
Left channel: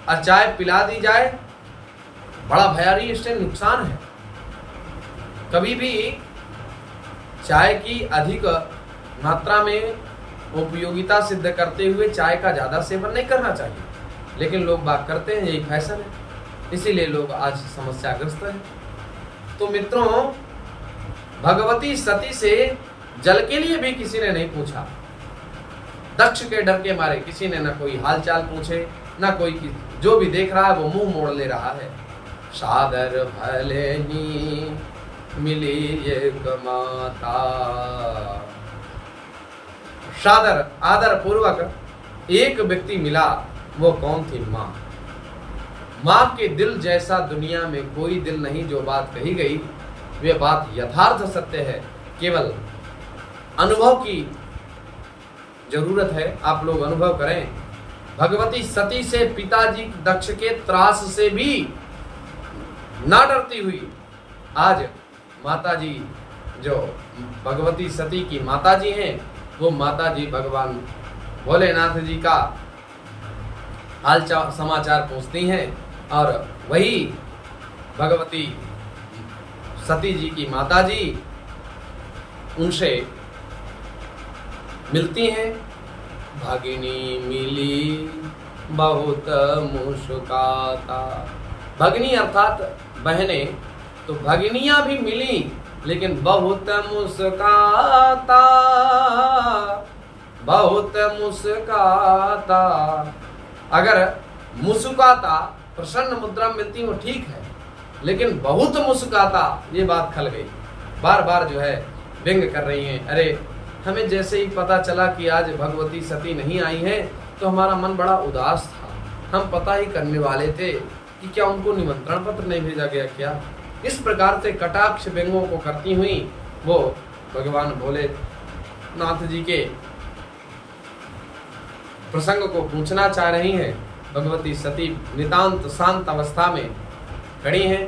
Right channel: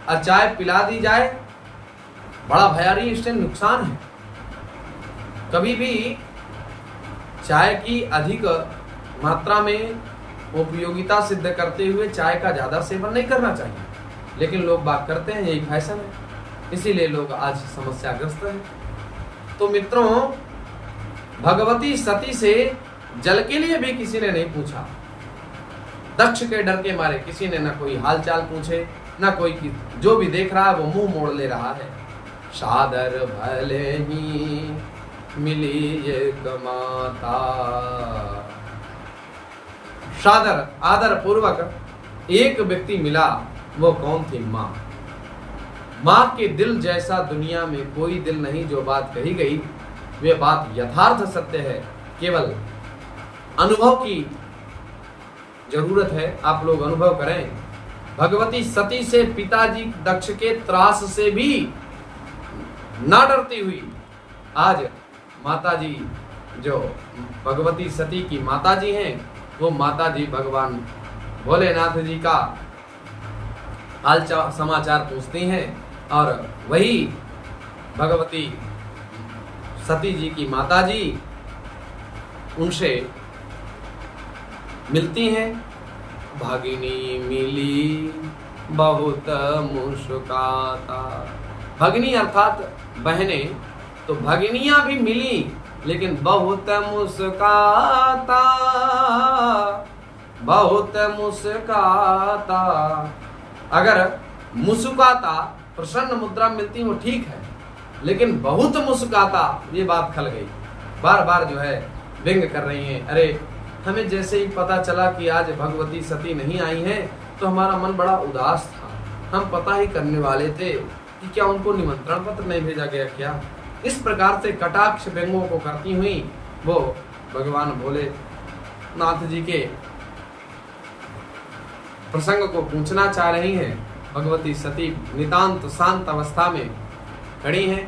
और चाय पिला दी जाए, बड़ा भयारी इससे नुकसान है। कभी भी चाय की अधिक मात्रा में उपयोगिता सिद्ध करते हुए चाय का ज़्यादा सेवन नहीं करना चाहिए, लेकिन लोग बात करते हैं, यही फैशन है, इसीलिए लोग आज समस्याग्रस्त हैं। तो मित्रों, भगवती सती से जल के लिए भी किसी ने नहीं पूछा। दक्ष के डर के मारे किसी ने न कोई हालचाल पूछे, न कोई, जो भी देख रहा है वो मुंह मोड़ ले रहा है। सादर भले ही मिली एक माता, सादर आदर पूर्वक एक व्यक्ति मिला, वो कौन थी? माँ। माँ के दिल जैसा दुनिया में कोई दिल नहीं। जो बात कही गई वे बात यथार्थ सत्य है, केवल अनुभव की जरूरत है। आप लोग अनुभव करें। भगवती सती से पिताजी दक्ष के त्रास से भी ना डरती हुई आज माताजी, जो भगवती सती की माताजी हैं, वो माताजी भगवान भोलेनाथ जी का हाल समाचार पूछती हैं और वही भगवती सती जी की माताजी उनसे मिलती हैं। भगिनी मिली बहुत मुस्काता। भगिनी अर्थात बहनें, तो भगिनियां भी मिली लेकिन बहुत मुस्काता, बहुत मुस्काता। अगर मुस्काता प्रसन्न मुद्रा मिलती वो ठीक है, लेकिन बहुत मुस्काता, ये बात खल गई। बार बार जो है व्यंग कर रही हैं। अरे हमें जैसे ही पता चला कि आज भगवती सती नहीं आई हैं तो हमारा मन बड़ा उदास था। हम पता ही करने वाले थे कि क्या उनको निमंत्रण पत्र नहीं भेजा गया क्या। इस प्रकार से कटाक्ष व्यंगों को करती हुई वो भगवान भोलेनाथ जी के प्रसंग को पूछना चाह रही हैं। भगवती सती नितांत शांत अवस्था में खड़ी हैं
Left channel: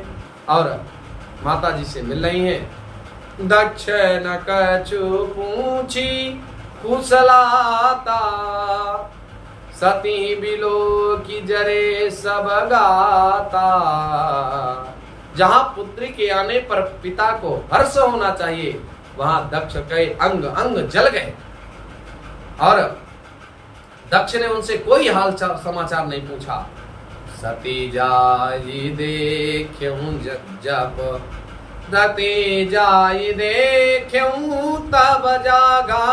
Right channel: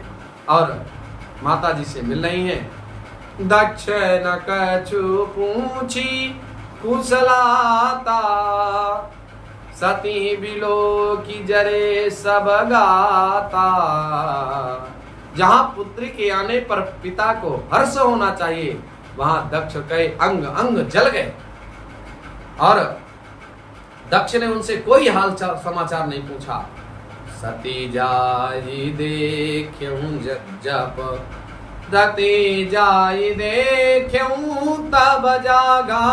और माता जी से मिल रही हैं। दक्ष न कछु पूछी कुशलाता, सती बिलो की जरे सब गाता। जहां पुत्री के आने पर पिता को हर्ष होना चाहिए, वहां दक्ष के अंग अंग जल गए और दक्ष ने उनसे कोई हाल समाचार नहीं पूछा। सती जाई देख्यूं जब, रति जाई देख्यूं तब जागा,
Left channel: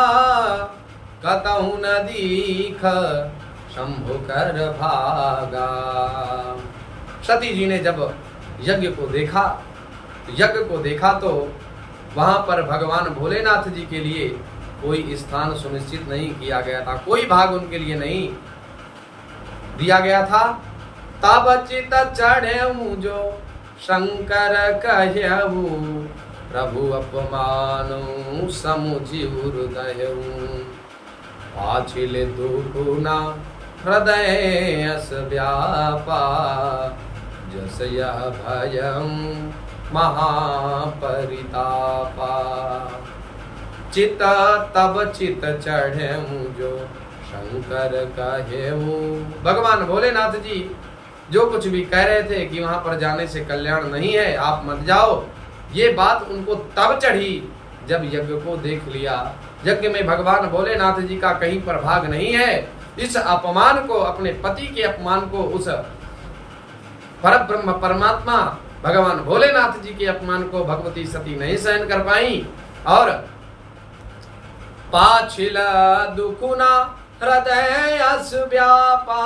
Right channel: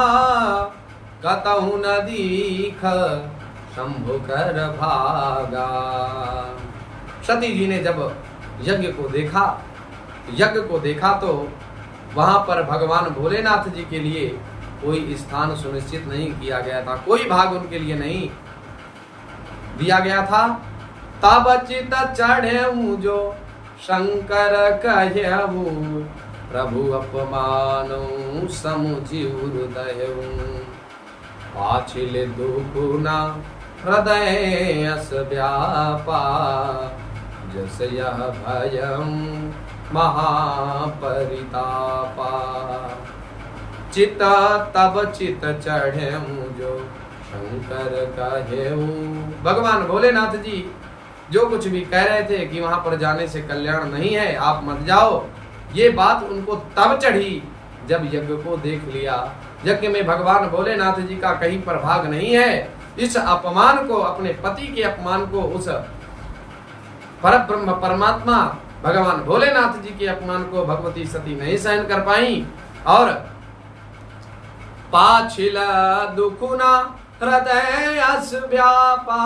कतहु न दीख शंभु कर भागा। सती जी ने जब यज्ञ को देखा तो वहां पर भगवान भोलेनाथ जी के लिए कोई स्थान सुनिश्चित नहीं किया गया था, कोई भाग उनके लिए नहीं दिया गया था। तब चित चढ़े जो शंकर कहू, प्रभु अपमान समुझि हृदय। पाछिल दुखुना हृदय अस व्यापा, जस यह भयं महापरितापा। चित तब चित चढ़े जो शंकर कहेऊ। भगवान भोलेनाथ जी जो कुछ भी कह रहे थे कि वहां पर जाने से कल्याण नहीं है, आप मत जाओ, ये बात उनको तब चढ़ी जब यज्ञ को देख लिया। यज्ञ में भगवान भोलेनाथ जी का कहीं पर भाग नहीं है। इस अपमान को, अपने पति के अपमान को उस परब्रह्म परमात्मा भगवान भोलेनाथ जी के अपमान को भगवती सती नहीं सहन कर पाई और पाछिला दुखुना हृदय अस व्यापा।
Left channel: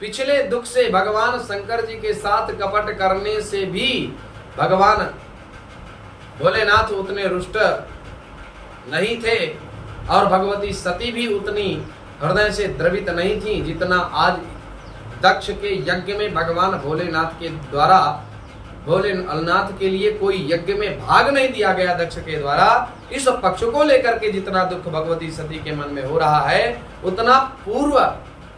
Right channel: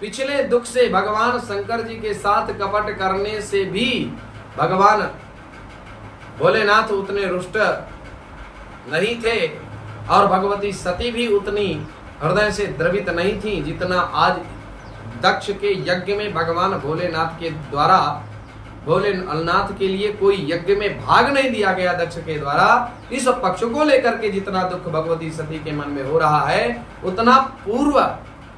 पिछले दुख से भगवान शंकर जी के साथ कपट करने से भी भगवान भोलेनाथ उतने रुष्ट नहीं थे और भगवती सती भी उतनी हृदय से द्रवित नहीं थी जितना आज दक्ष के यज्ञ में भगवान भोलेनाथ के द्वारा, भोलेनाथ के लिए कोई यज्ञ में भाग नहीं दिया गया दक्ष के द्वारा। इस पक्ष को लेकर के जितना दुख भगवती सती के मन में हो रहा है उतना पूर्व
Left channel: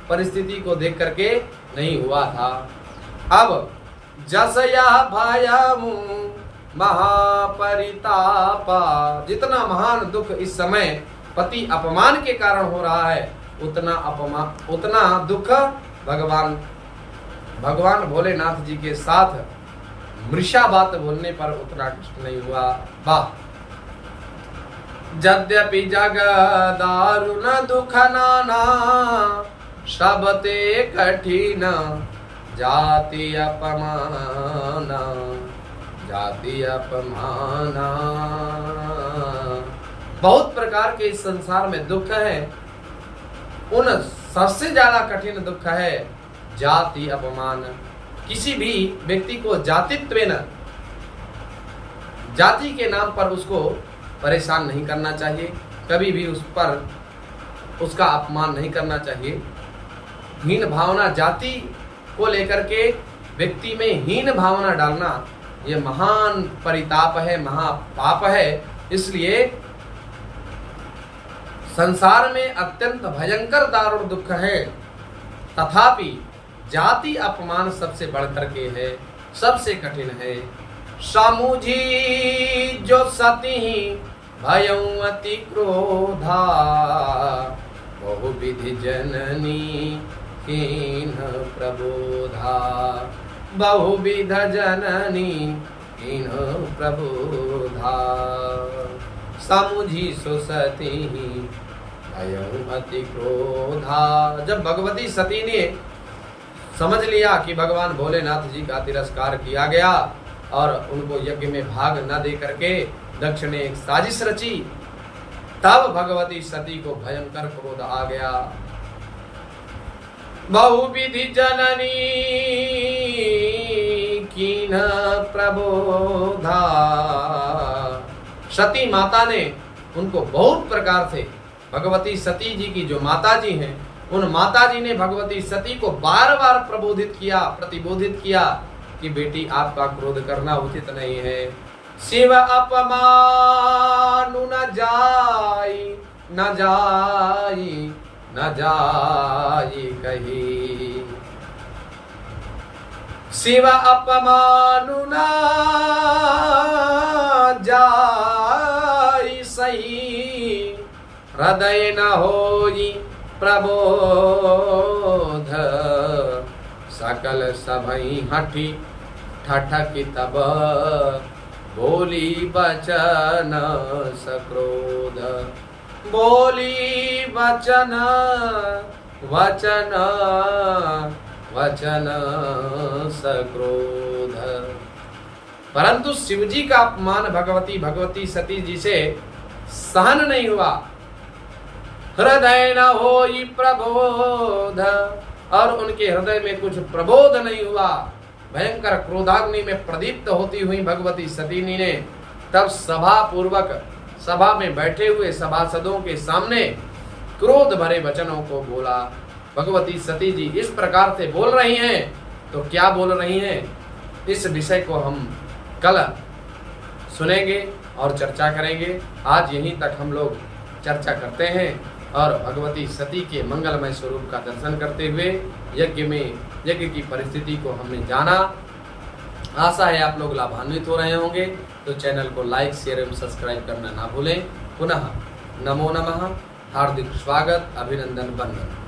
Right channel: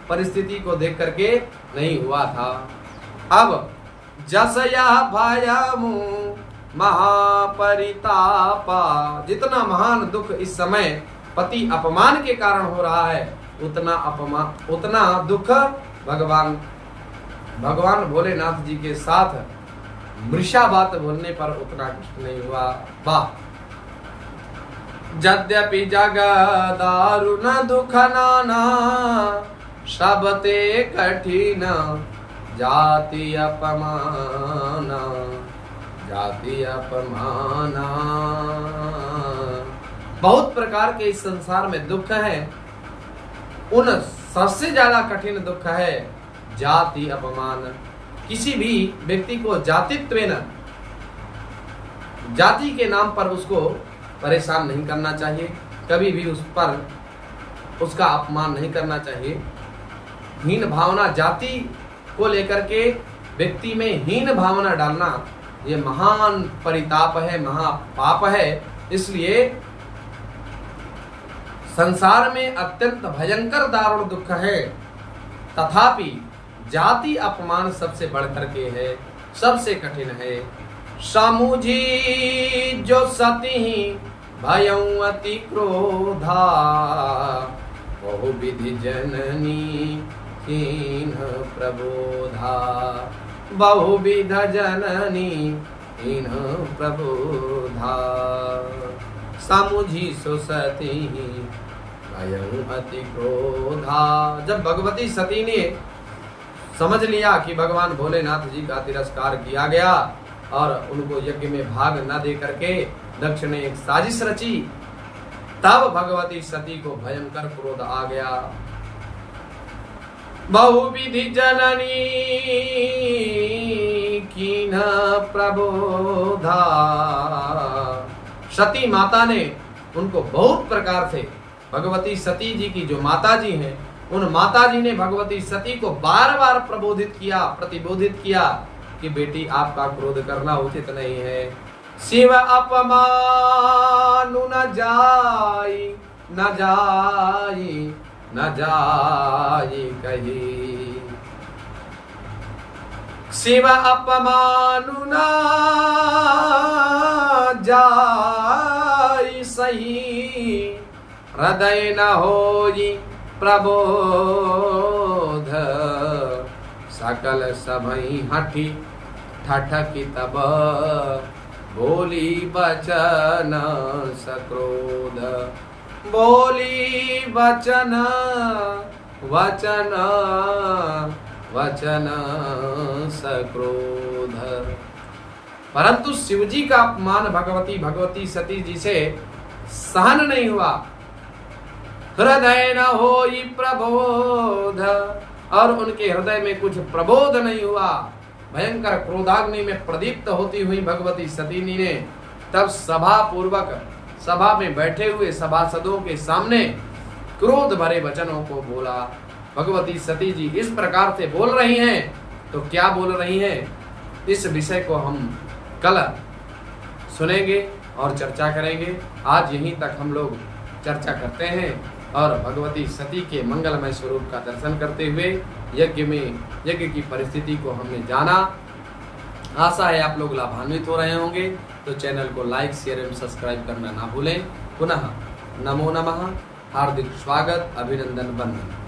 परिस्थिति को देख करके नहीं हुआ था। अब जस यह भयमु महापरितापा, जितना महान दुख इस समय पति अपमान के कारण हो रहा है उतना दुख भगवान भोलेनाथ जी के साथ मृषा बात बोलने पर उतना कष्ट नहीं हुआ। वाह। यद्यपि जग दारुण दुख नाना, सबते कठिन जाति अपमाना, जाति अपमाना। बहुत प्रकार के इस संसार में दुख है, उन सबसे ज्यादा कठिन दुख है जाति अपमान। किसी भी व्यक्ति को जातित्वेन, जाति के नाम पर उसको परेशान नहीं करना चाहिए, कभी भी उस पर उसका अपमान नहीं करना चाहिए। हीन भावना, जाति को लेकर के व्यक्ति में हीन भावना डालना ये महान परिताप है, महापाप है। इसलिए संसार में अत्यंत भयंकर दारुण दुख है, तथापि जाति अपमान सबसे बढ़कर के है, सबसे कठिन है। समुझी जो सती भयं अति क्रोधा, बहुविधि जननी कीन प्रबोधा, बहुविध जननी कीन प्रबोधा। समुझी सो सती भयं अति क्रोधा। जब भगवती सती ने समझ लिया कि भगवान भोलेनाथ जी का तिरस्कार किया गया और उनको यज्ञ में भाग न दे करके दक्ष ने एक साजिश रची, तब भगवती सती को भयंकर क्रोध आ गया। बहुविधि जननी कीन प्रबोधा। सती माता ने उनको बहुत प्रकार से, भगवती सती जी की जो माता जी हैं, उन माता जी ने भगवती सती को बार बार प्रबोधित किया, प्रतिबोधित किया कि बेटी आपका क्रोध करना उचित नहीं है। शिव अपमानु न जाई, न जाई, न जाई कही। शिव अपमानु न जाई सही, हृदय न होई प्रबोध। सकल सभई हठी ठठकी तब, बोली बचन सक्रोध। बोली वचन वचन वचन सक्रोध। परंतु शिवजी का अपमान भगवती सती जी से सहन नहीं हुआ। हृदय न होई प्रबोध, और उनके हृदय में कुछ प्रबोध नहीं हुआ। भयंकर क्रोधाग्नि में प्रदीप्त होती हुई भगवती सती ने तब सभा में बैठे हुए सभासदों के सामने क्रोध भरे वचनों को बोला। भगवती सती जी इस प्रकार से बोल रही हैं, तो क्या बोल रही हैं, इस विषय को हम कल सुनेंगे और चर्चा करेंगे। आज यहीं तक हम लोग चर्चा करते हैं और भगवती सती के मंगलमय स्वरूप का दर्शन करते हुए यज्ञ की परिस्थिति को हमने जाना। आशा है आप लोग लाभान्वित हो रहे होंगे, तो चैनल को लाइक, शेयर एवं सब्सक्राइब करना ना भूलें। पुनः नमो नमः, हार्दिक स्वागत, अभिनंदन, वंदन।